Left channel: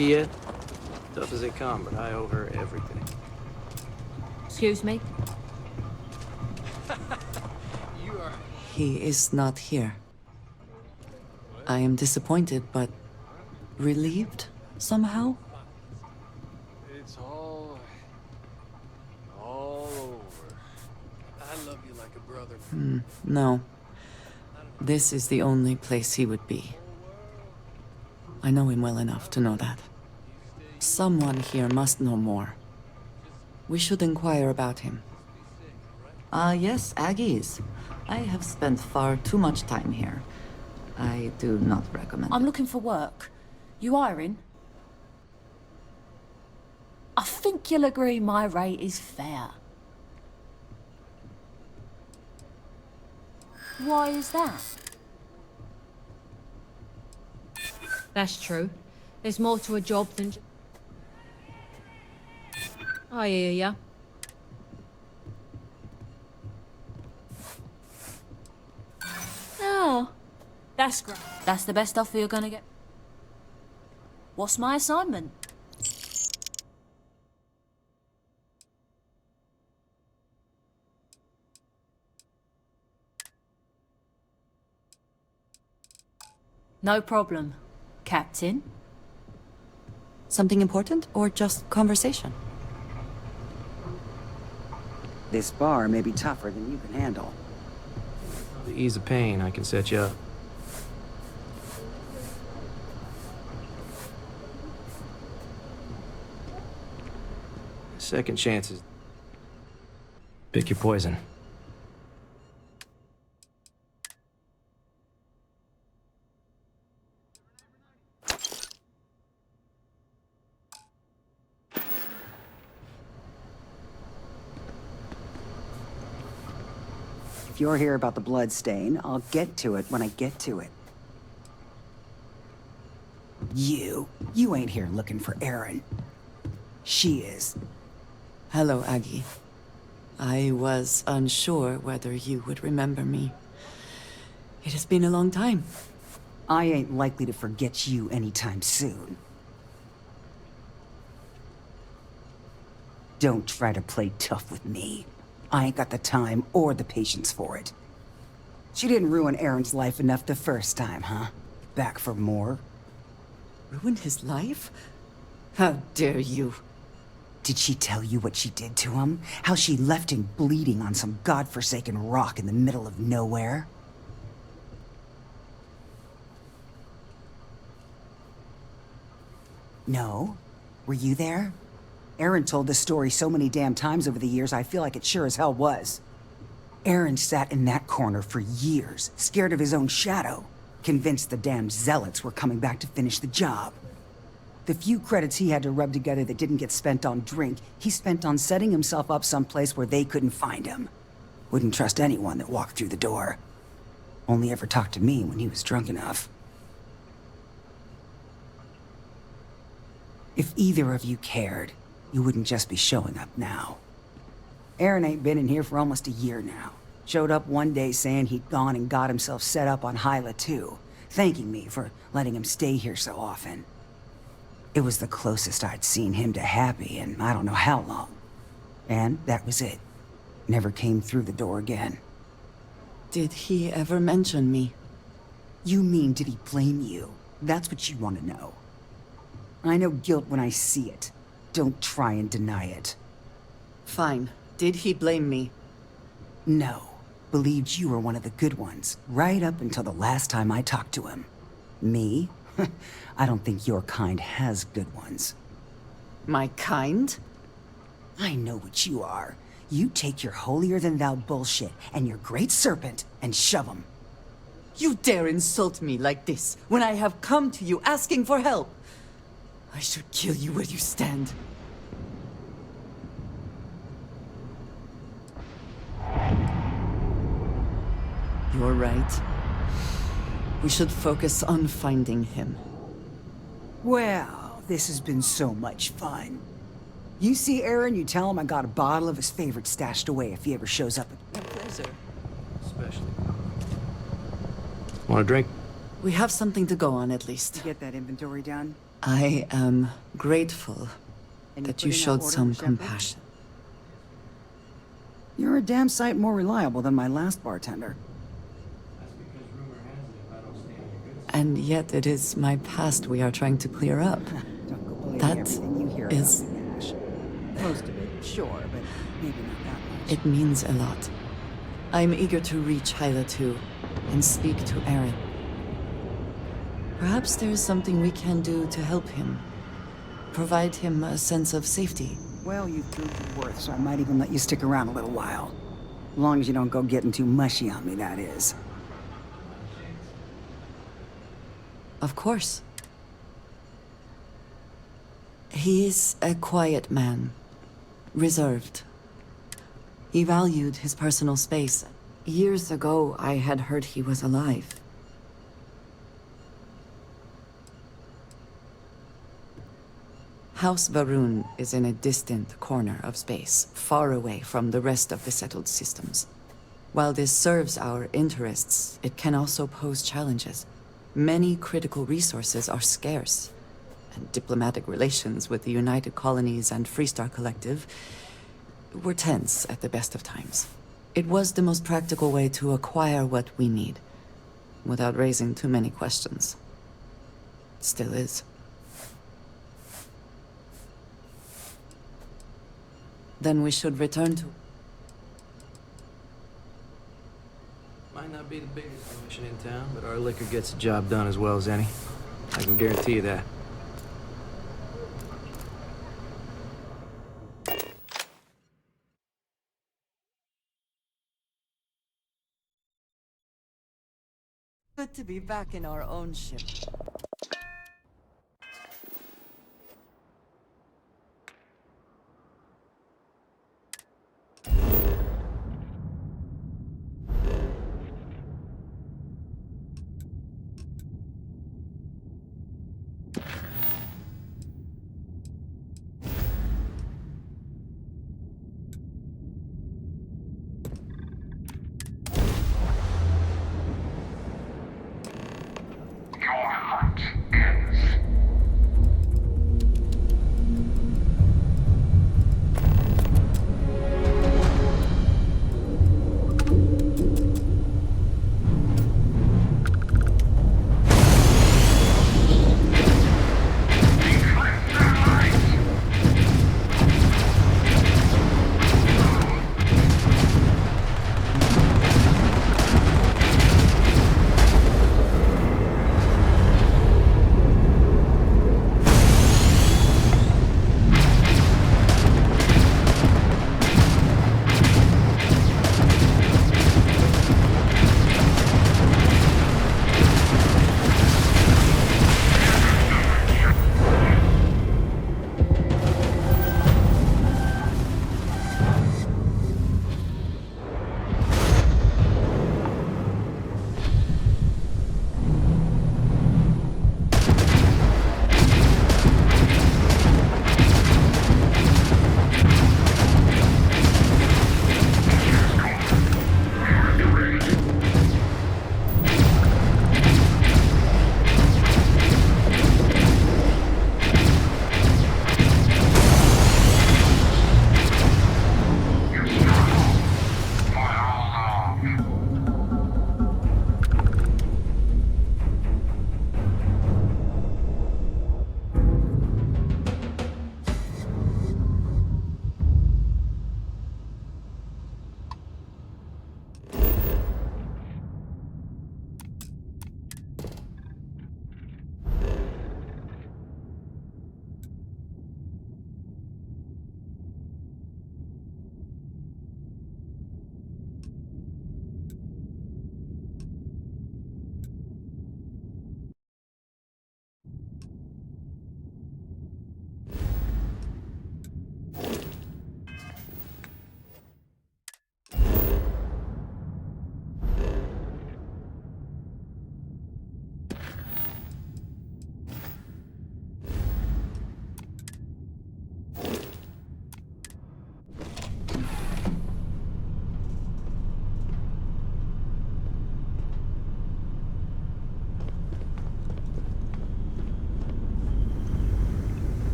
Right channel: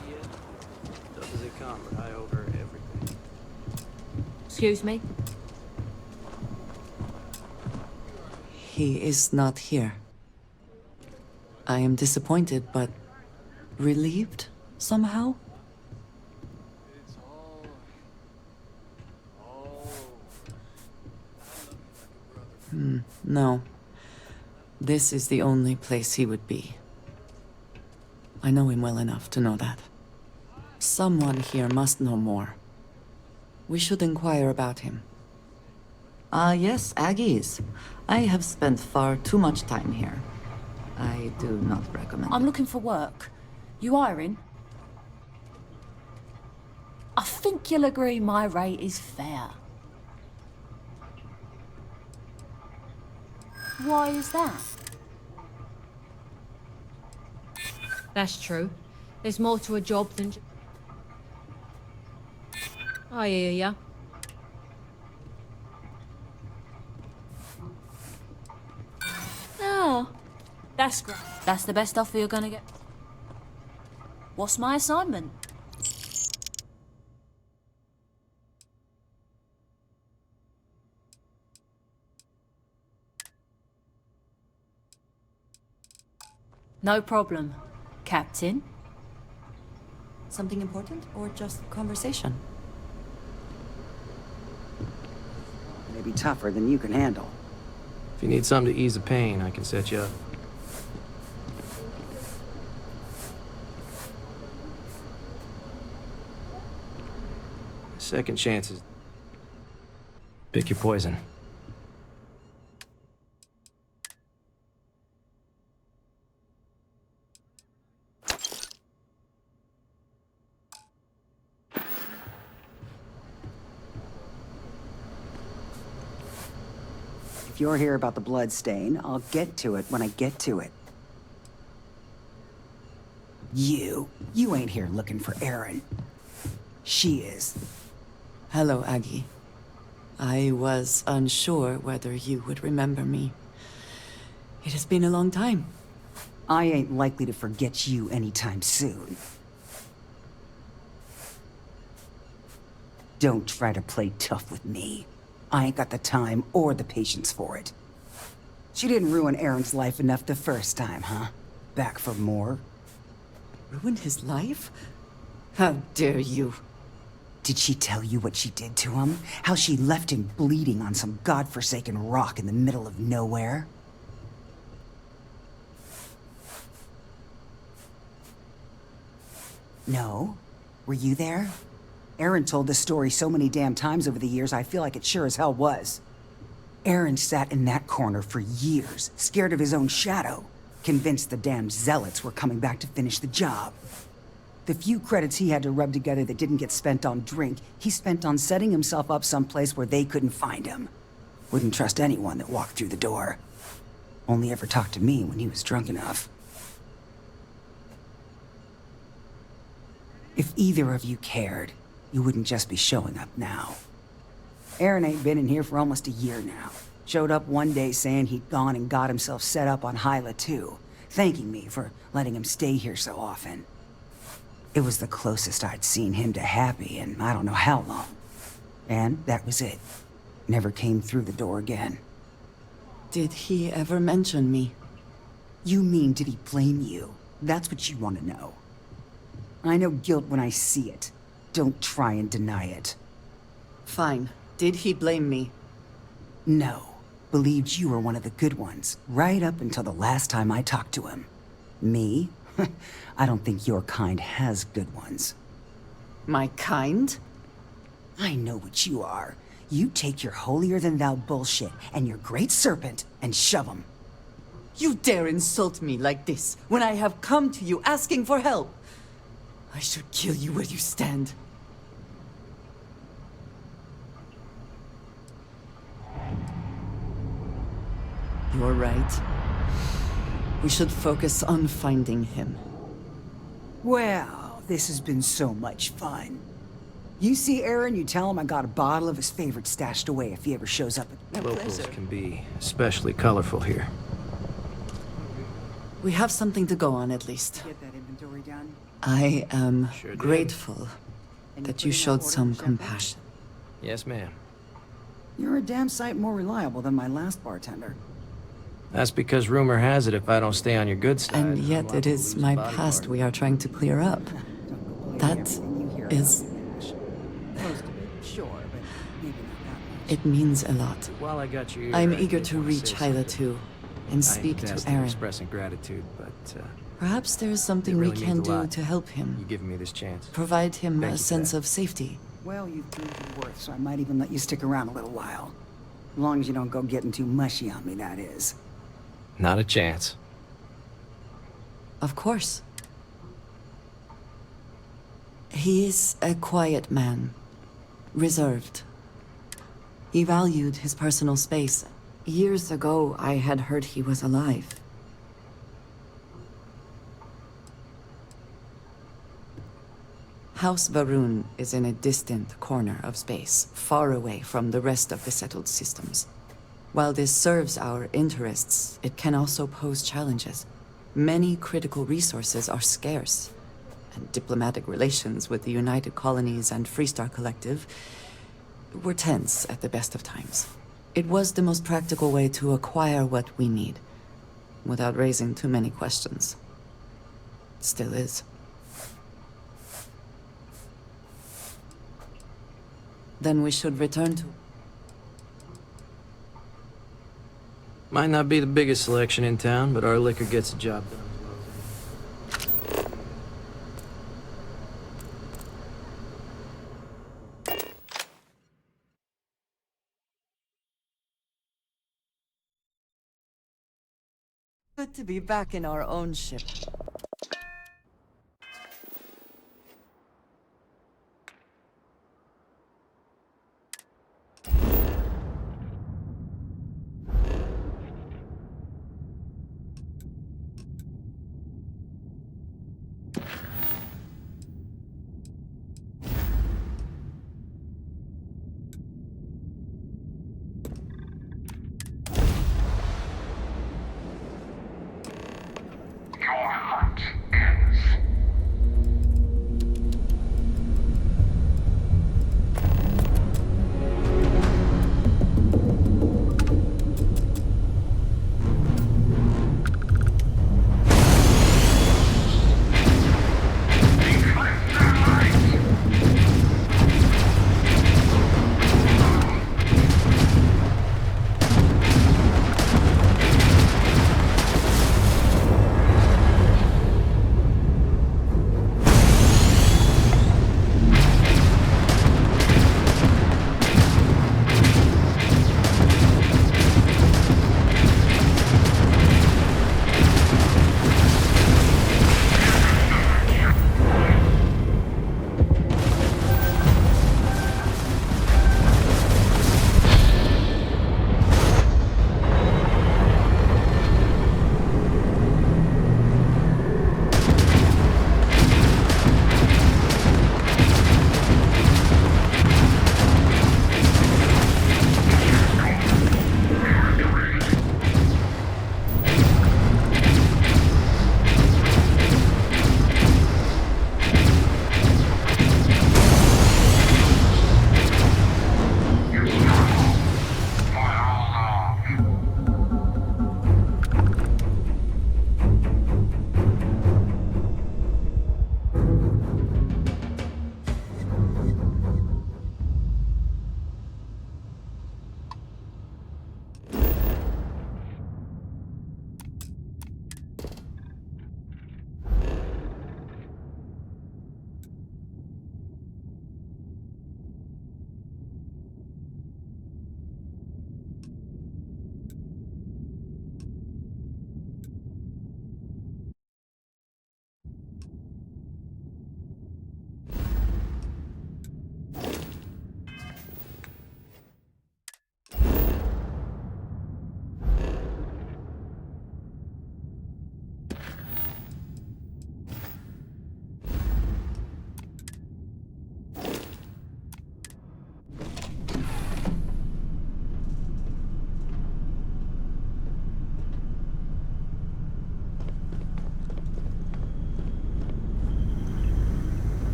treaty yet? Tough as they come, but I owe her everything. Excuse me? He is not here. I am disappointed, but relieved somehow? It's all over. I love you like a brother. No. This is the only place he would be. I know him well enough to know that. Someone here must know more. We should inquire about him. Yes, Aggies. I have spent far too much time here. I do not recommend I'm it. looking for work. You hiring? I think you'll agree my rate is fair. Why is that? That's true. There's more to a job than... I hear ya. Oh, that's great. That's the best offer you're gonna get. What's my assignment? No problem, Captain. Something important or just conversation? This bar may be tougher than you can handle. If you need something to ease the pain, I can set you up. Second chances. Pick your poison. If you're here about the blood stain, I'll get to it when I get to it. You ain't here looking for Erin. She is. Hello, Aggie. I was unsure whether you would remember me. It has been a long time. I ain't likely to forget you anytime soon. Don't try to play tough with me. I ain't got the time or the patience for it. She didn't ruin Erin's life enough the first time, huh? Back for more? Ruined his life? How dare you? Did she tell you what she did to him? How she left him bleeding on some godforsaken rock in the middle of nowhere? No? Were you there? Erin told this story so many damn times over the years, I feel like it sure as hell was. Erin sat in that corner for years, scared of his own shadow, convinced the damn zealots were coming back to finish the job. The few credits he had to rub together that didn't get spent on drink, he spent on setting himself up someplace where they couldn't find him. Wouldn't trust anyone that walked through the door. Only ever talked to me when he was drunk enough. If either of you cared, you wouldn't just be showing up now. Erin ain't been in here for almost a year now. Showed up one day saying he'd gone and got himself set up on Hyla too, thanking me for letting him stay here so often. It was the closest I'd seen him to happy in I don't know how long. And that was it. Never came through the door again. Did he ever mention me? You mean, did he blame you? That's what you want to know. I know guilt when I see it. Don't try and deny it. Fine. Did he blame me? No. Believed you were one of the good ones, right up until the last time I talked to him. Me? I don't think your kind has good ones. My kind? I know what you are. You take your holier-than-thou bullshit and your great serpent and shove 'em. You dare insult me like this when I have come to you asking for help? I should kill you where you stand. You're right. We should focus on finding him. Well, this has been so much fun. You see Erin, you tell him I got a bottle of his favorite stashed away if he ever shows up at... Locals can be especially colorful here. Want a drink? We have something to go on, at least. Get that inventory done? I am Sure do. grateful And that put you in that showed order some with Shepard? compassion. Yes, ma'am. You're a damn sight more reliable than my last bartender. That's because rumor has it if I don't stay on your good side. And yet it is my past we are trying to clear up. Don't go believing That everything you hear is- about me, Ash. Most of it, sure, but maybe not that much. It means a lot. While I got you, I'm eager to reach Hyla too, and speak to Aaron. Expressing gratitude, but Perhaps there is something we can do to help him, giving me this chance. provide him a sense of safety. Well, you've proved your worth, so I might even let you stick around a little while. As long as you don't go getting too mushy on me, that is. Not a chance. Of course. He is a quiet man, reserved. He valued his personal space. Years ago, I had heard he was alive. House Varun is in a distant corner of space, far away from the rest of the settled systems. While this serves our interests, it can also pose challenges. Many critical resources are scarce, and diplomatic relations with the United Colonies and Freestar Collective were tense at the best of times. It was the most practical way to acquire what we need, without raising too many questions. Still is. Then we should return to... Might not be the biggest selection in town, but our liquor gets the job done as well as any. I can guarantee you that. Good to be back in our own ship.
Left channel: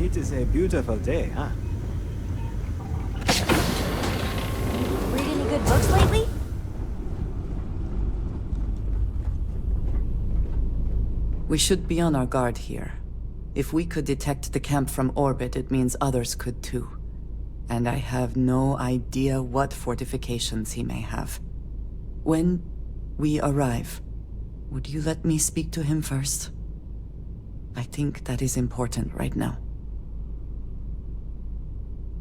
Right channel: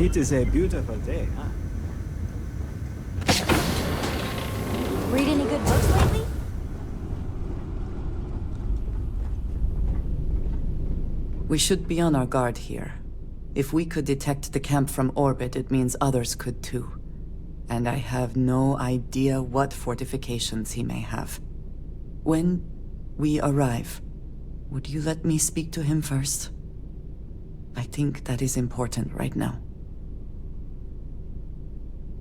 It is a beautiful day, huh? Read any good books lately? We should be on our guard here. If we could detect the camp from orbit, it means others could too. And I have no idea what fortifications he may have. When we arrive, would you let me speak to him first? I think that is important right now.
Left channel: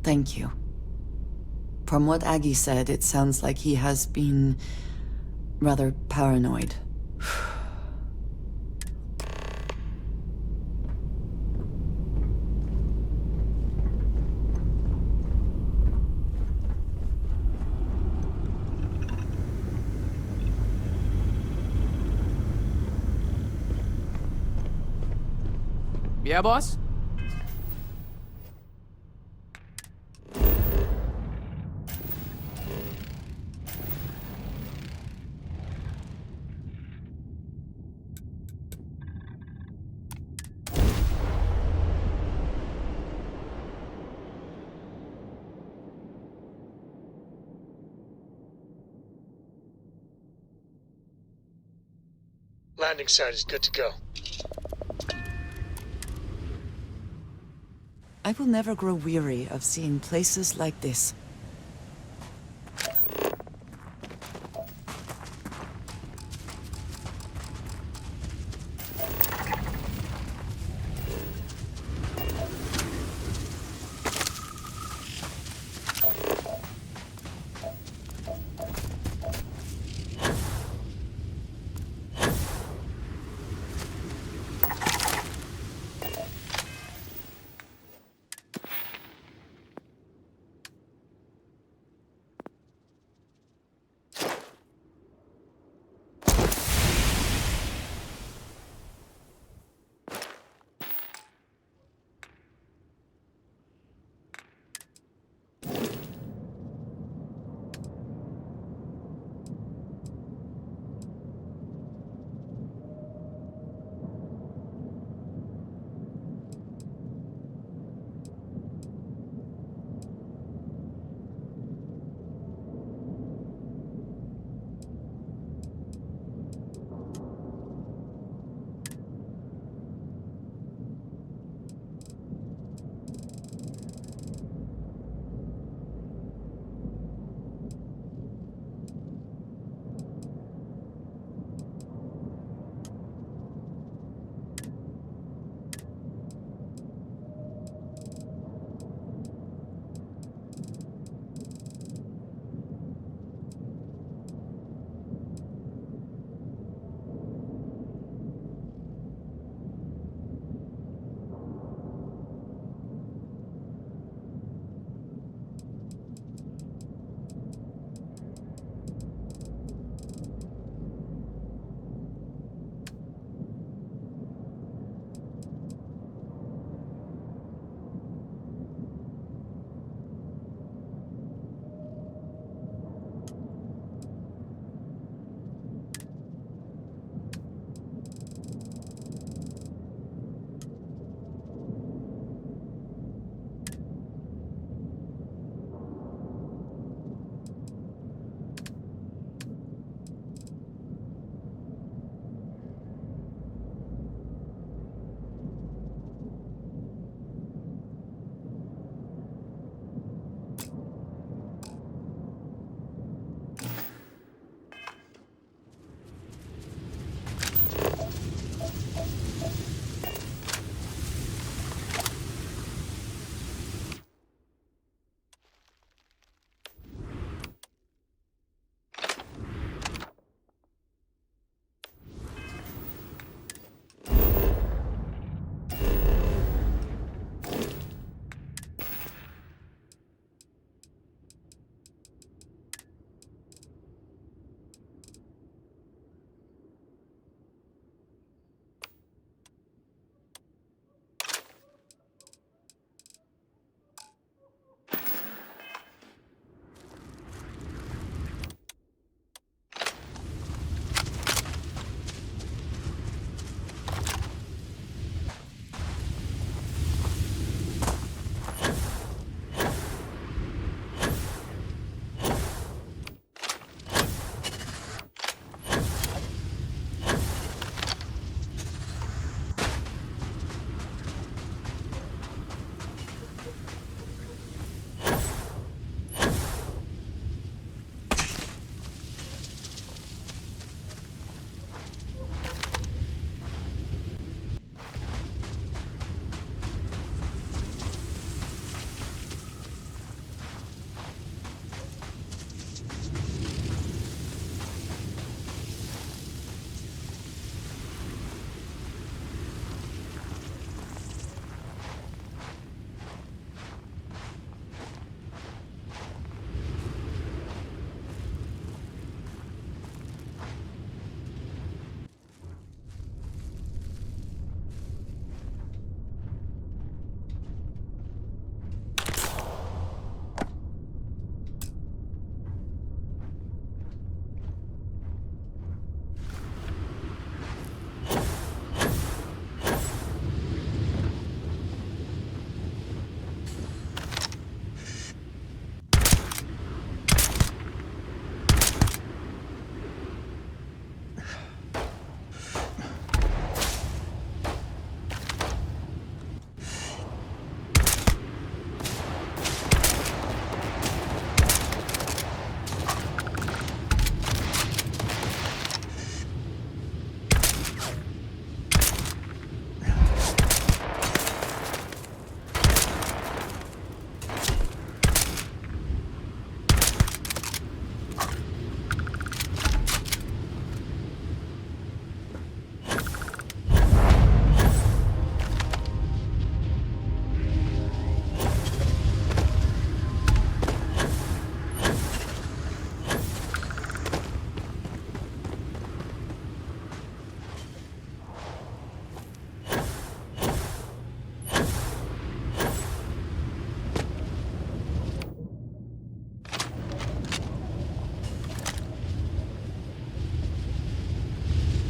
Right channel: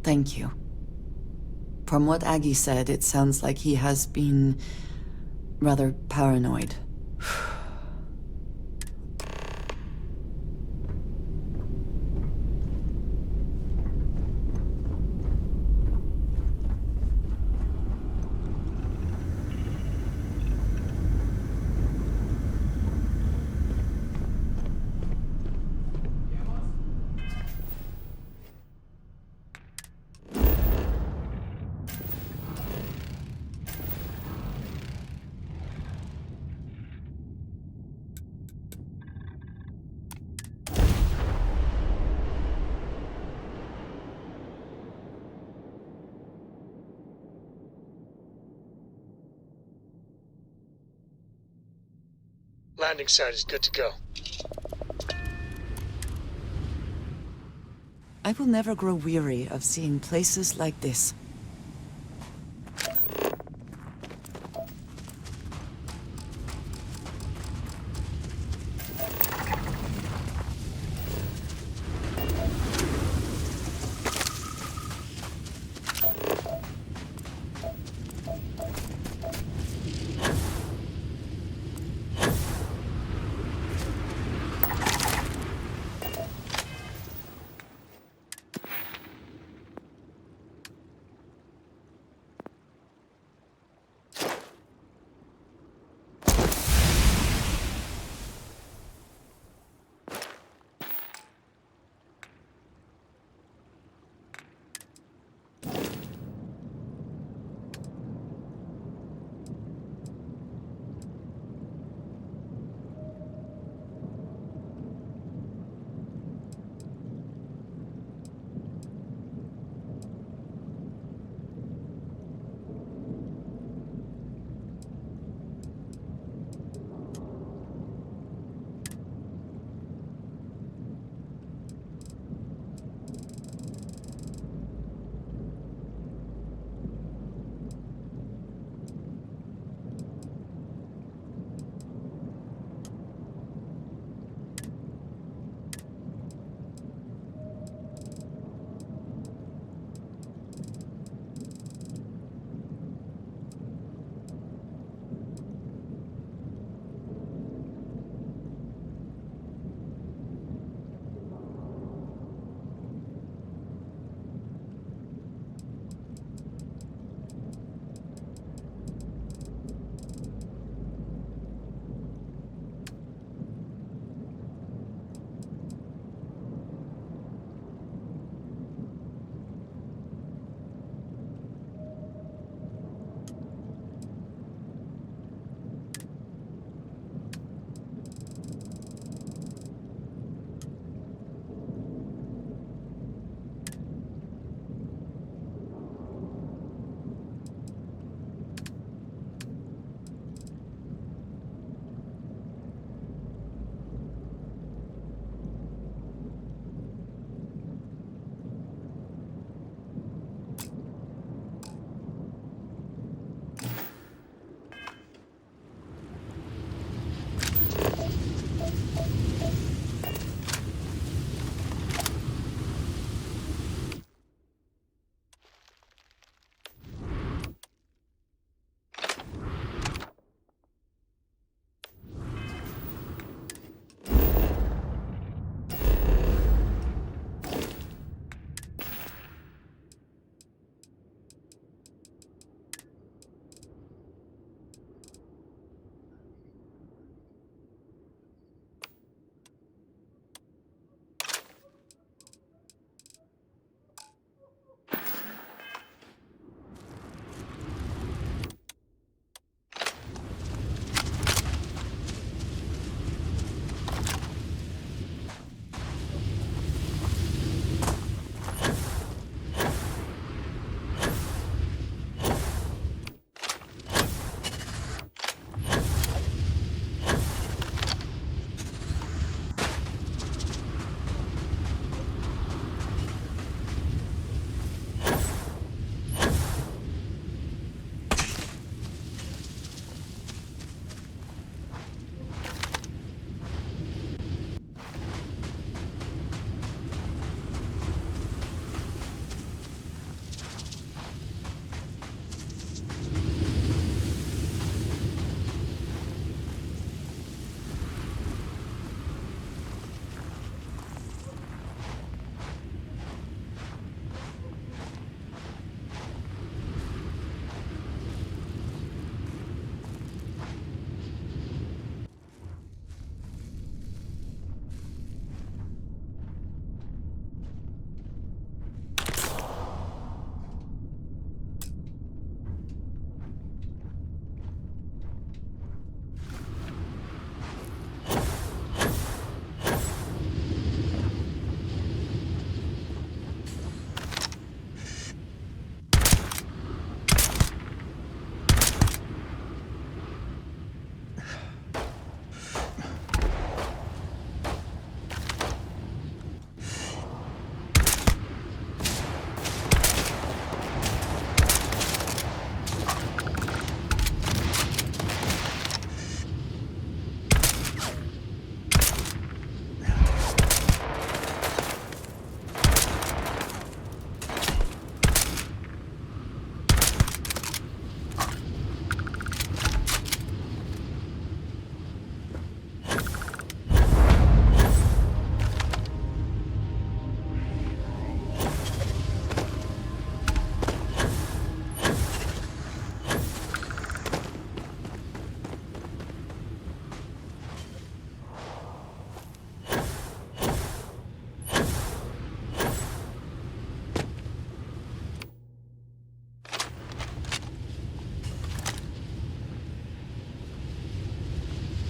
Thank you. From what Aggie said, it sounds like he has been rather paranoid. Yeah, boss? Landing site is good to go. I will never grow weary of seeing places like this.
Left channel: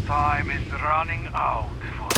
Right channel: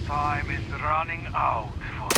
Time is running out for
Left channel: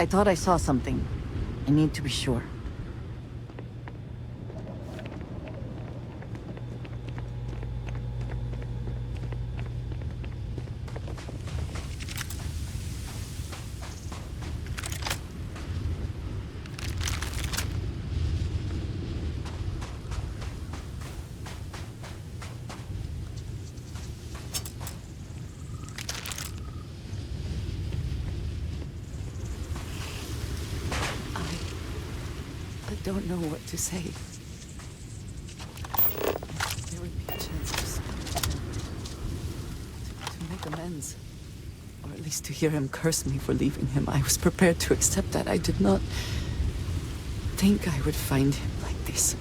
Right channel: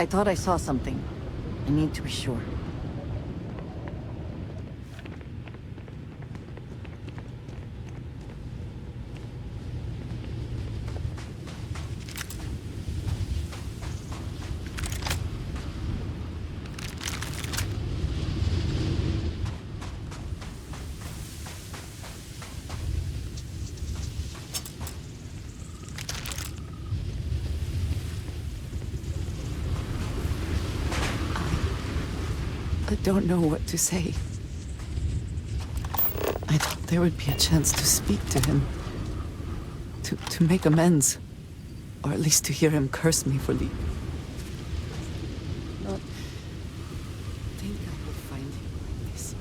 I thought I saw something. I need to be sure. I don't know what to say. I thought there would be a chance to speak to him. To make amends. Or at least to hear him curse me for leaving him. I was prepared to accept that. I did not think I would find him like this.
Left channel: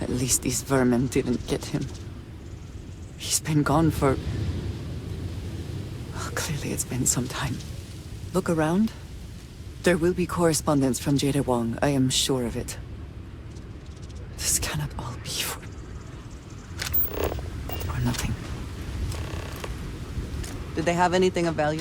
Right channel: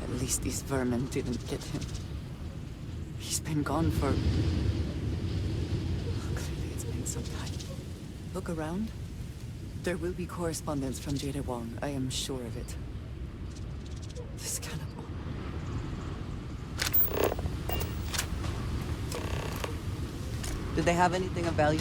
At least these vermin didn't get him. He's been gone for... Well, clearly it's been some time. Look around. There will be correspondence from Jade Wong. I am sure of it. This cannot all be for nothing. Did they have anything of value?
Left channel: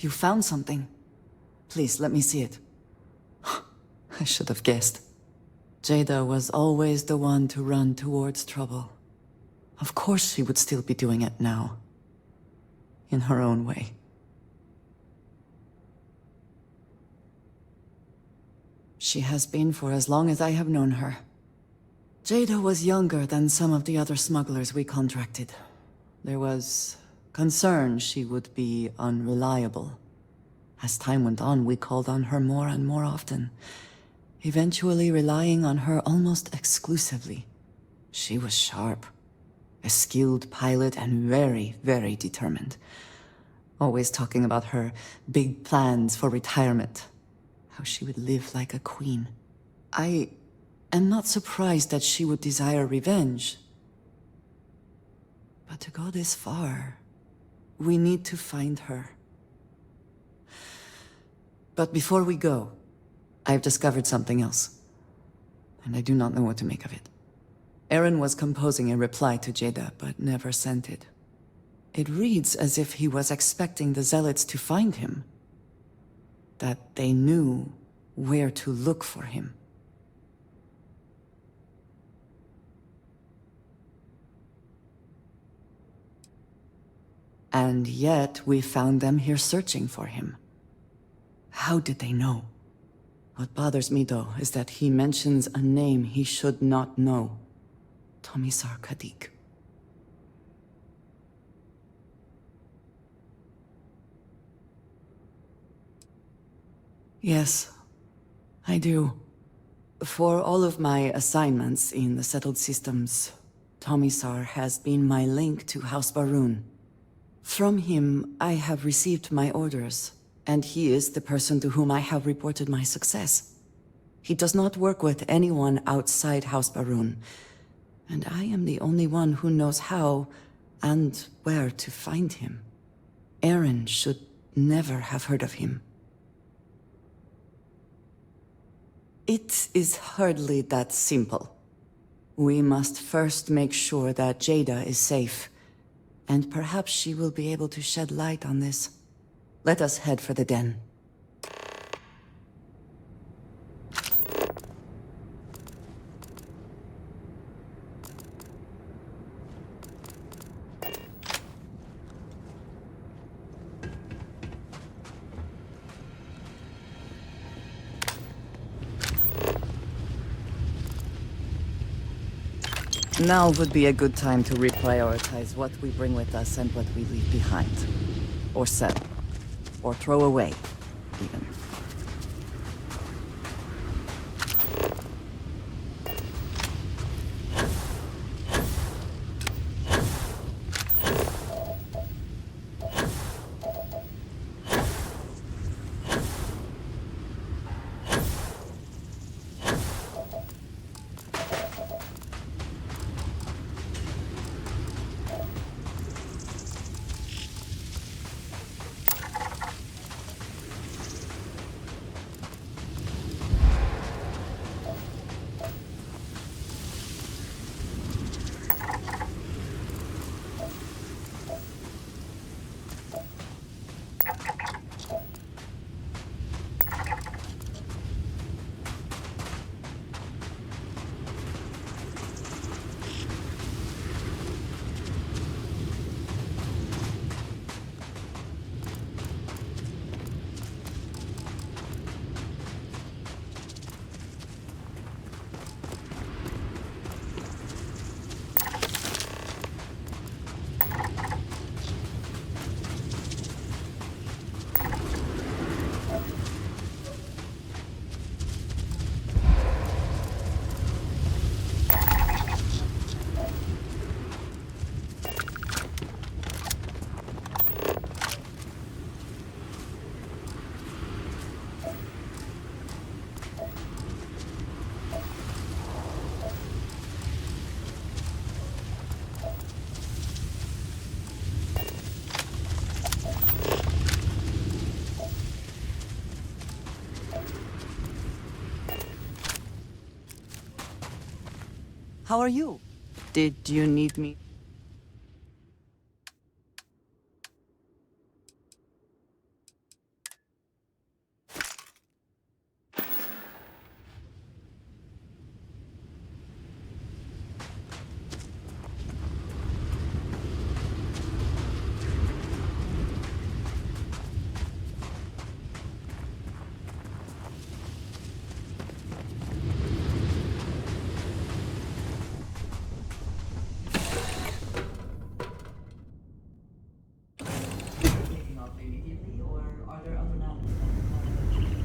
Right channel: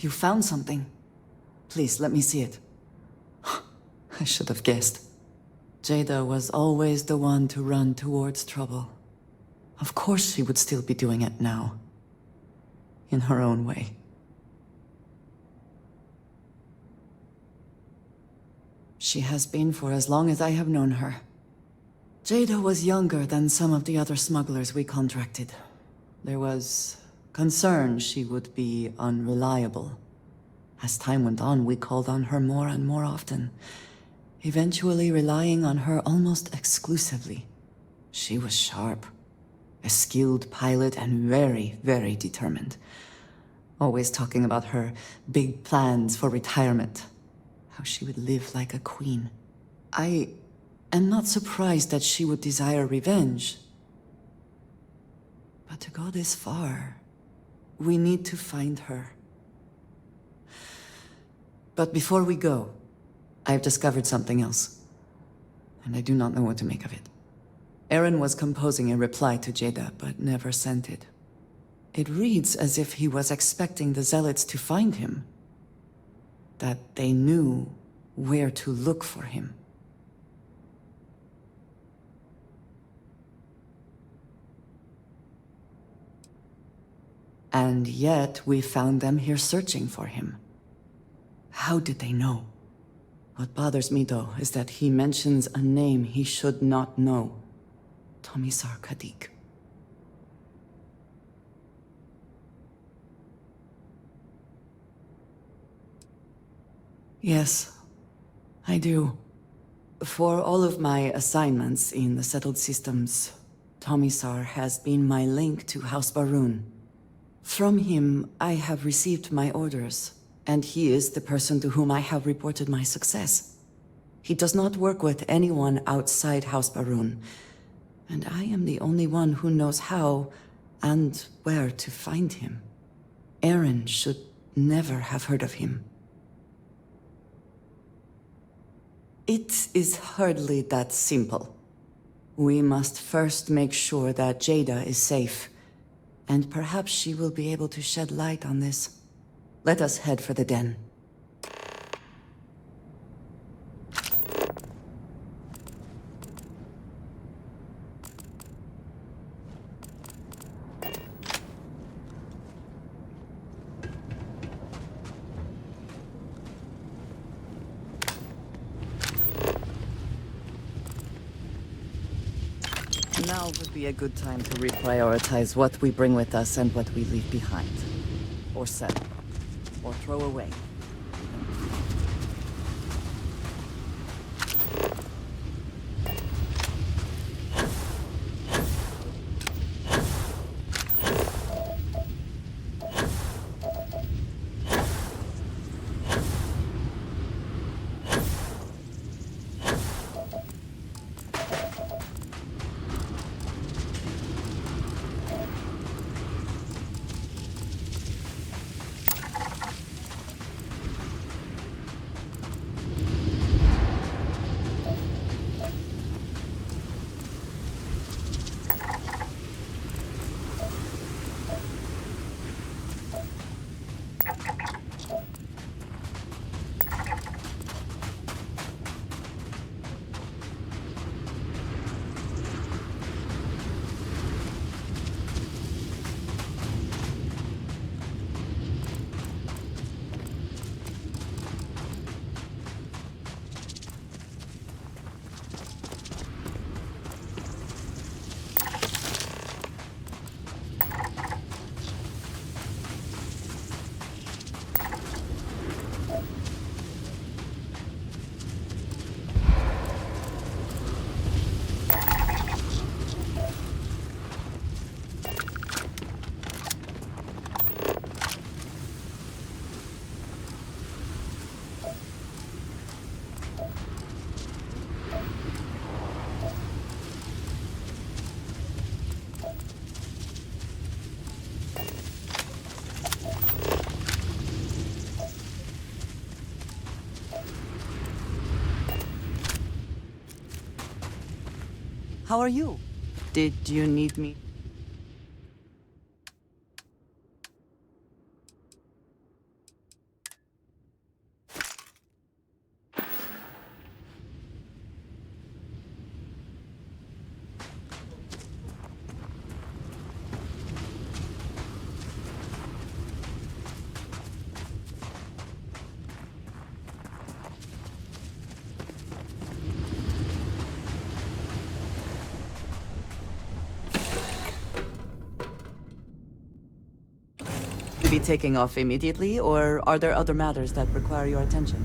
You found something. Please, let me see it. I should have guessed. Jada was always the one to run towards trouble. Of course she would still be doing it now. In her own way. She has been for as long as I have known her. Jada was younger than some of the other smugglers we contracted. There was concern she would be unreliable. As time went on, we called on her more and more often, eventually relying on her almost exclusively. She was sharp, a skilled pilot and very, very determined. Always talking about her big plans for retirement. How she would live like a queen. I am not surprised that she would desire revenge. But to go this far, we need to find her. But before we go, I have discovered something else. And I do not know what to make of it. Aaron was composing a reply to Jada, but never sent it. It reads as if he was expecting the Zealots to find him. That they knew where to look for him. And yet, we found them here searching for him. How did they know? What bothers me, though, is that he mentions a name he should not know. Tomisar Kadik. Yes, I do. For all of my assignments in the settled systems, Tomisar has been my link to House Barun. From him, I have received my orders, and he is the person to whom I have reported my success. He does not work with anyone outside House Barun, and I am the only one who knows how and where to find him. Aaron should never have heard of him. It is hardly that simple. We must first make sure that Jada is safe, and perhaps she will be able to shed light on this. Let us head for the den. Now would be a good time to reprioritize what we bring with us and what we leave behind. Or sell. Or throw away, even. How are you? Did you need me? taking off immediately, or are there other matters that require your attention?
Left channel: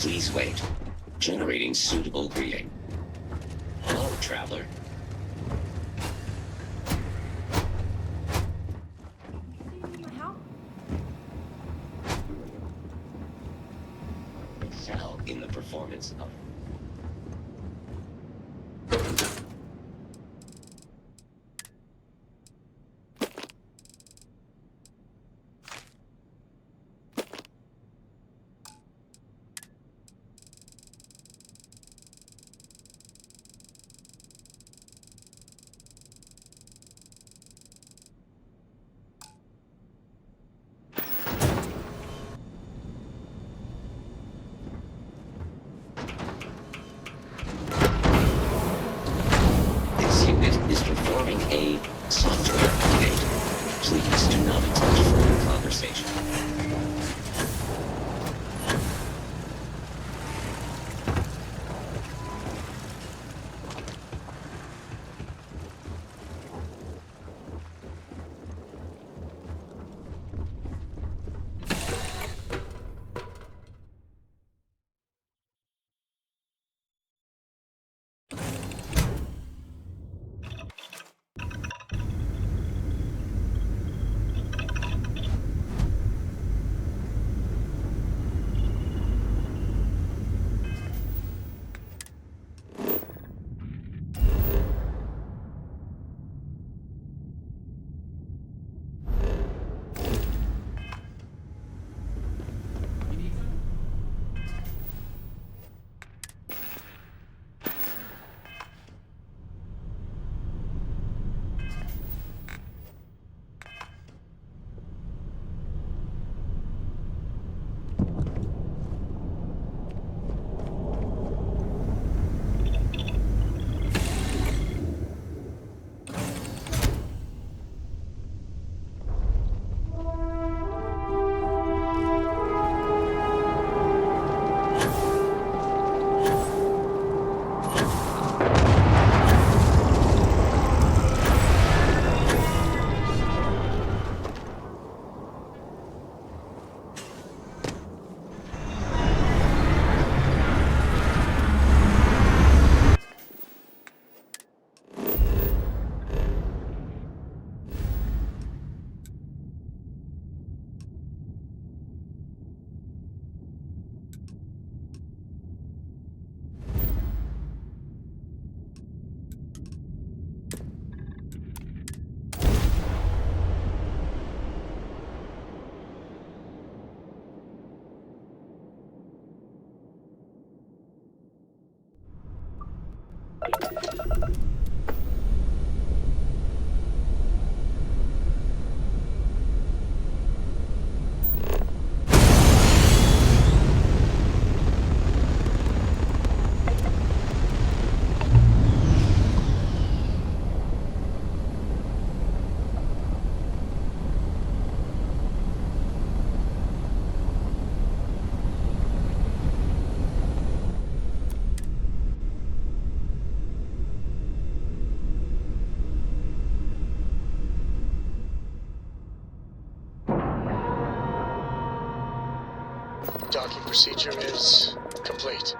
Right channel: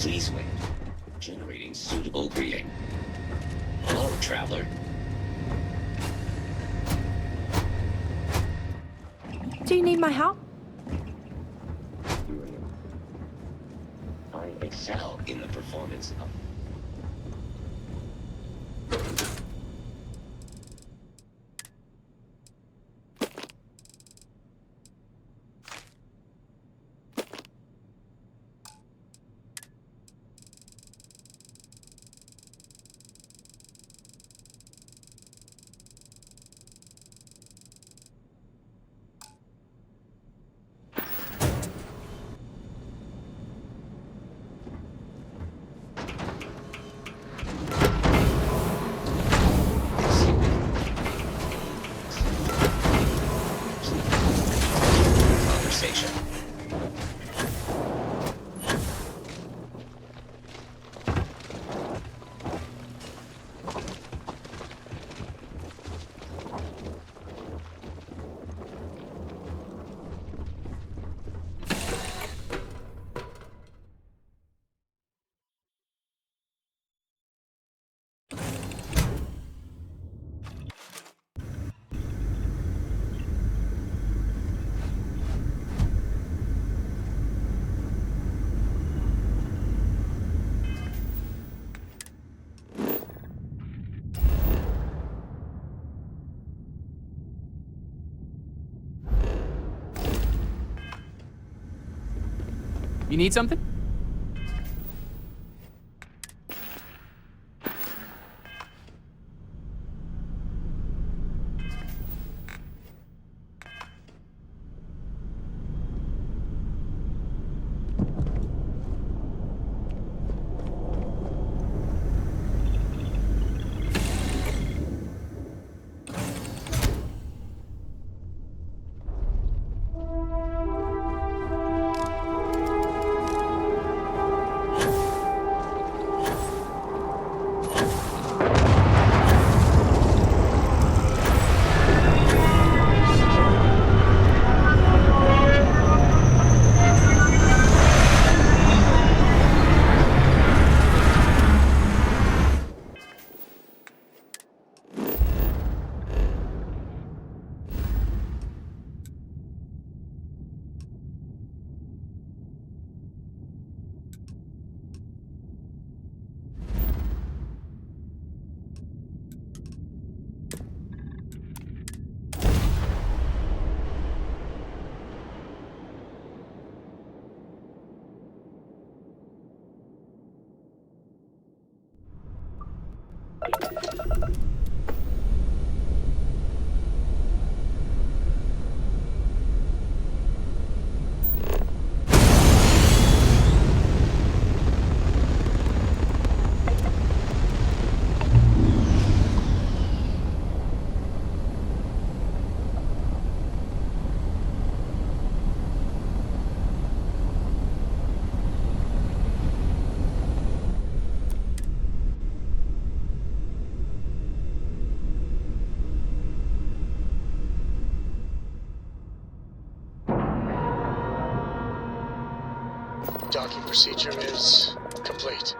Please wait. Generating suitable greeting. Hello, traveler. Do you need my help? I excel in the performance of... This unit is performing a software update. Please do not touch further conversation. You need something? Docking procedure is complete.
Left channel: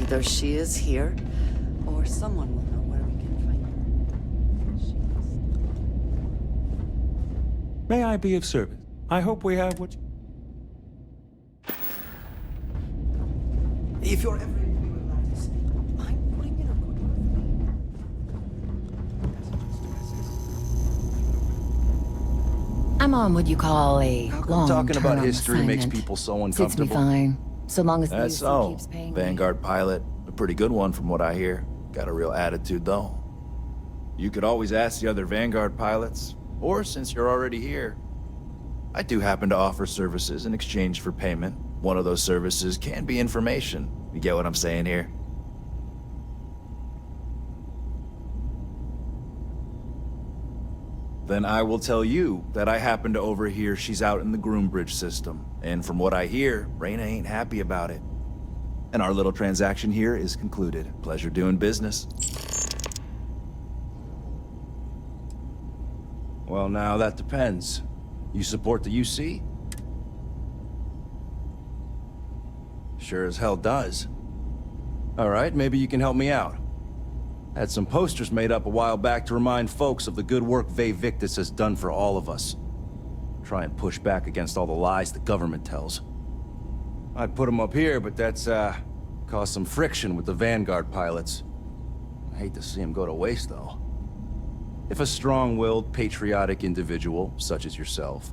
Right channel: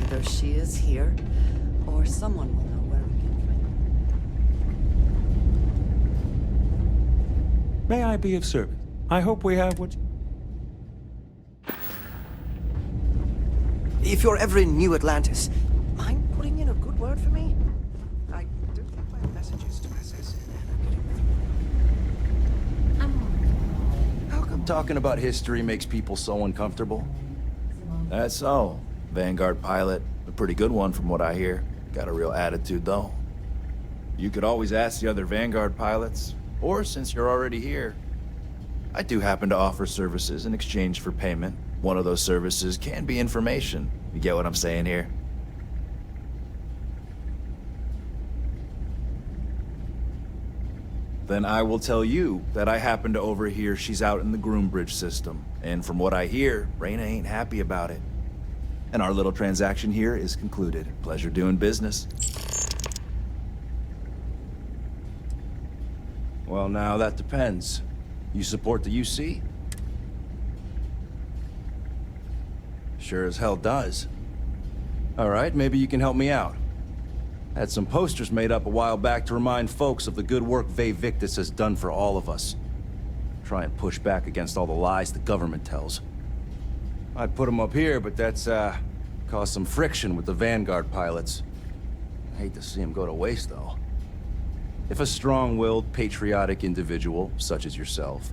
Either she is here, or someone will know where we can find her. May I be of service? I hope we have what... If you're ever in New Atlantis, mind putting in a good word for me? I don't like messages to SS. I'm on what you call a How come talking about history makes people so uncomfortable? Fine, so long as That's so. Vanguard pilot, a pretty good one from what I hear. Got a real attitude though. You could always ask the other Vanguard pilots, or since you're already here, I do happen to offer services in exchange for payment. One of those services can be information. You get what I'm saying here? Then I will tell you that I happen to overhear she's out in the Groombridge system. And from what I hear, Reyna ain't happy about it. And our little transaction here is concluded. Pleasure doing business. Well, now that depends. You support the UC? Sure as hell does. All right, maybe you can help me out. Had some posters made up a while back to remind folks of the good work Ve Victus has done for all of us. Try and push back against all the lies the government tells. I'd put them up here, but that's, caused some friction with the Vanguard pilots. I hate to see them go to waste, though. If a strong-willed, patriotic individual, such as yourself,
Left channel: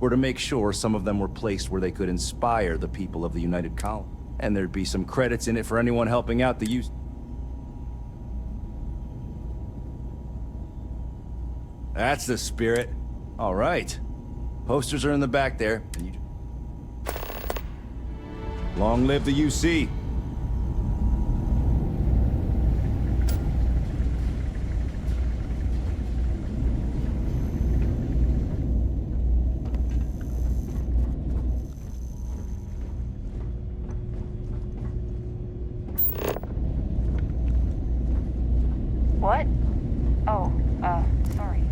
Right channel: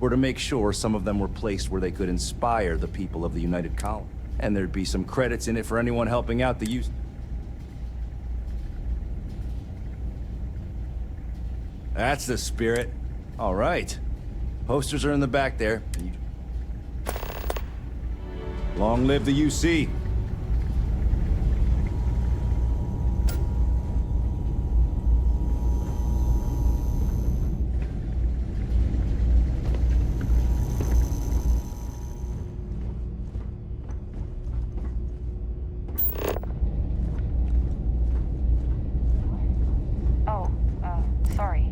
were to make sure some of them were placed where they could inspire the people of the United Colony, and there'd be some credits in it for anyone helping out the use. That's the spirit. All right. Posters are in the back there. And you... Long live the UC. What? Oh, sorry.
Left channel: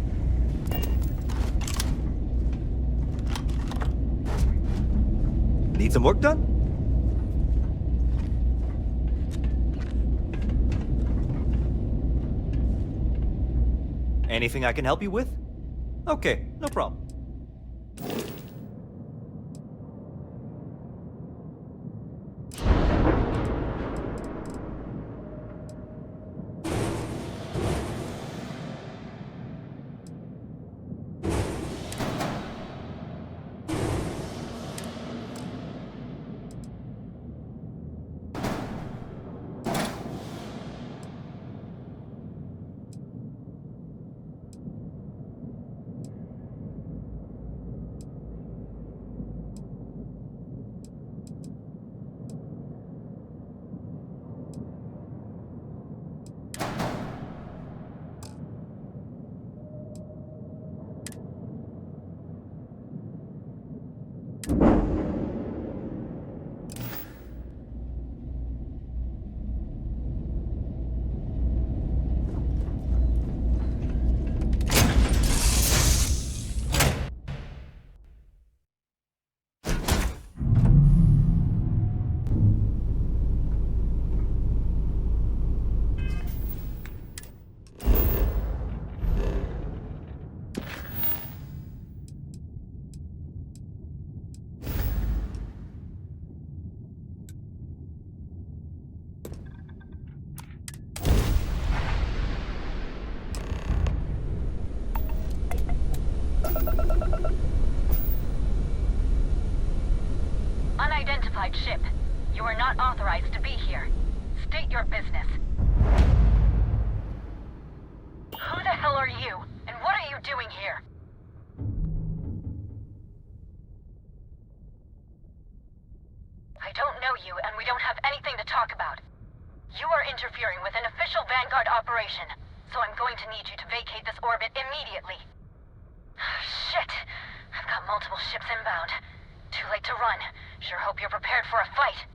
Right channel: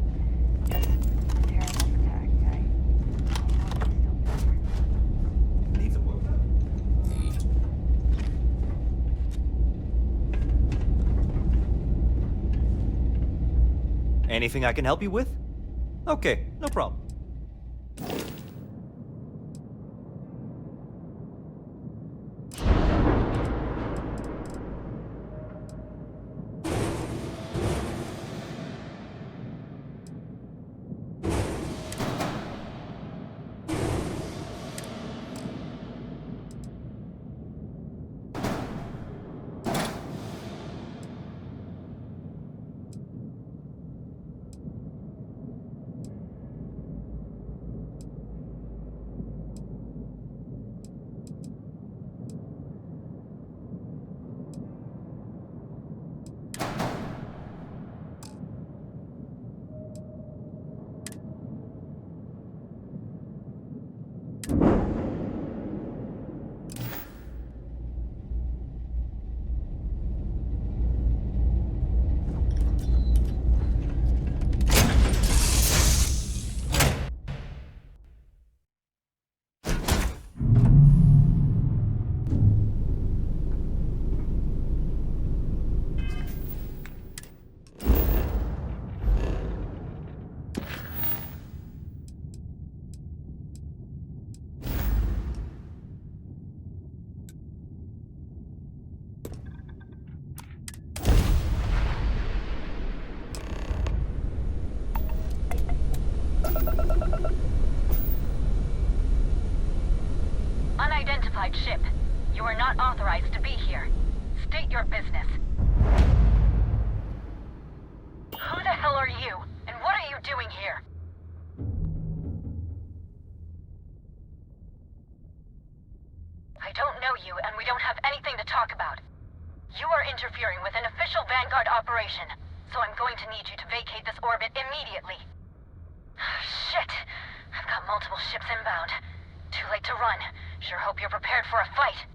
Need some work done? Anything I can help you with? Okay, no problem. Unidentified ship. You are not authorized to be here. State your business. Who the hell are you? And what are you doing here? I don't know you, and we don't have anything to talk about. You are interfering with an official Vanguard operation, so I'm going to need you to vacate this orbit immediately. Shit! I've got multiple ships inbound. Too late to run. Sure hope you're prepared for a fight.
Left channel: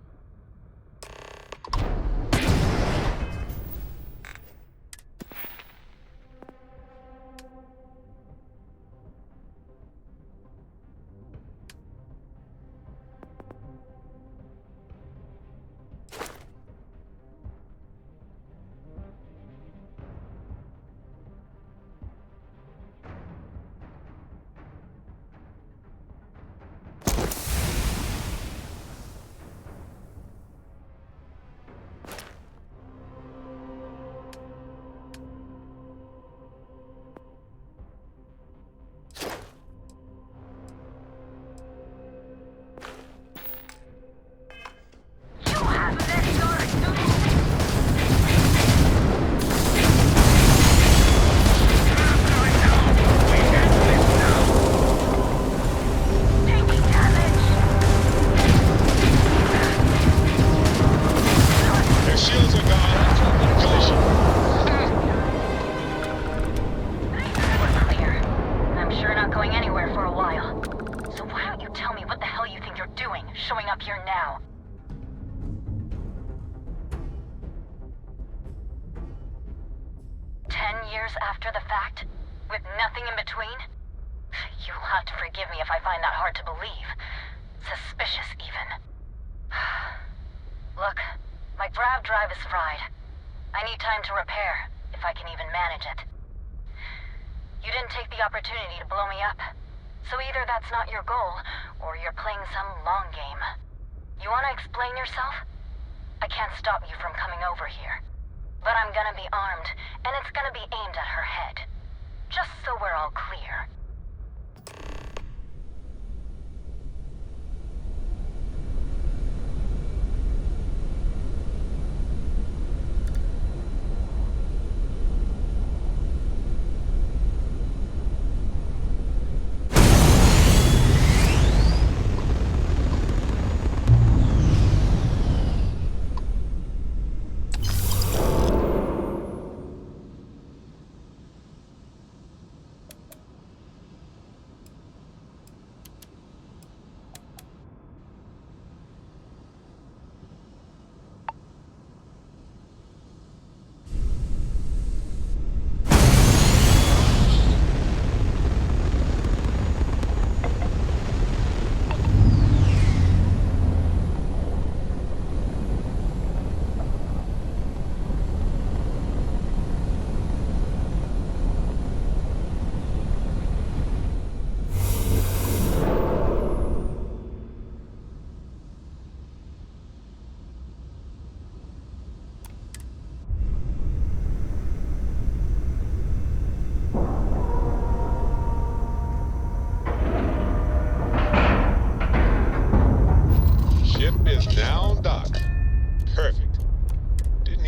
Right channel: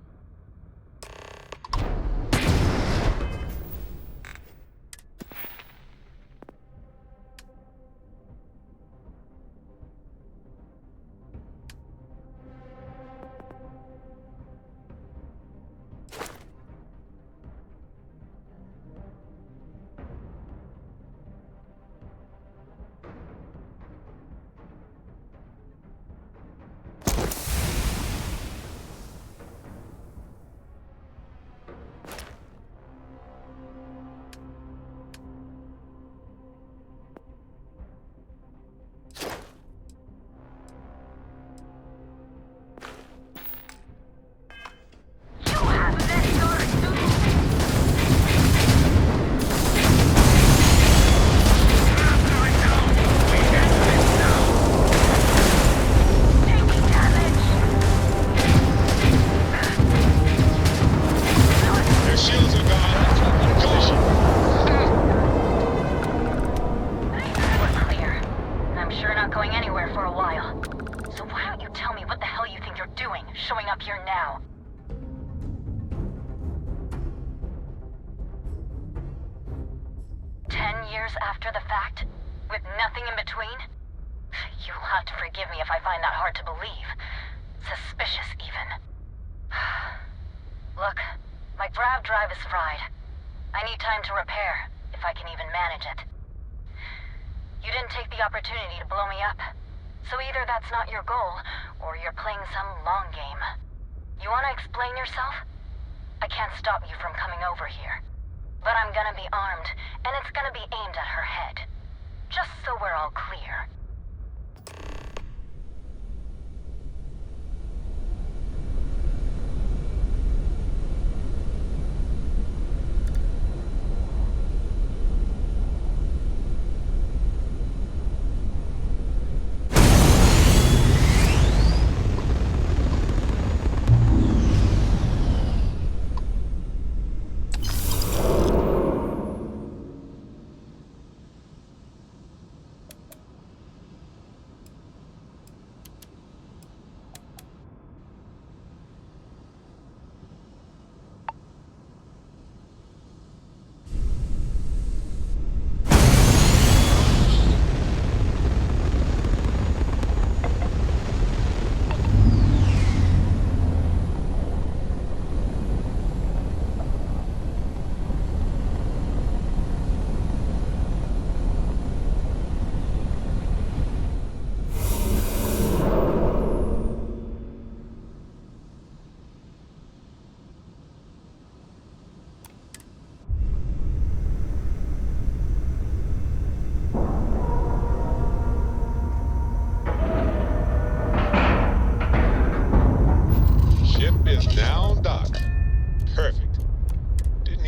showing up here now. Years after the fact? With nothing in between? You'll have to forgive me if I find that hard to believe. Suspicious, even. Look, my grav drive is fried. I need time to repair, if I can even manage it. You didn't take the opportunity to blow me up. So either that's not your goal, or you're playing some long game. You want to explain yourself? I can't stop you from coming over here. But I'm gonna be armed, and it's gonna be aimed at her head. Just so we're all clear.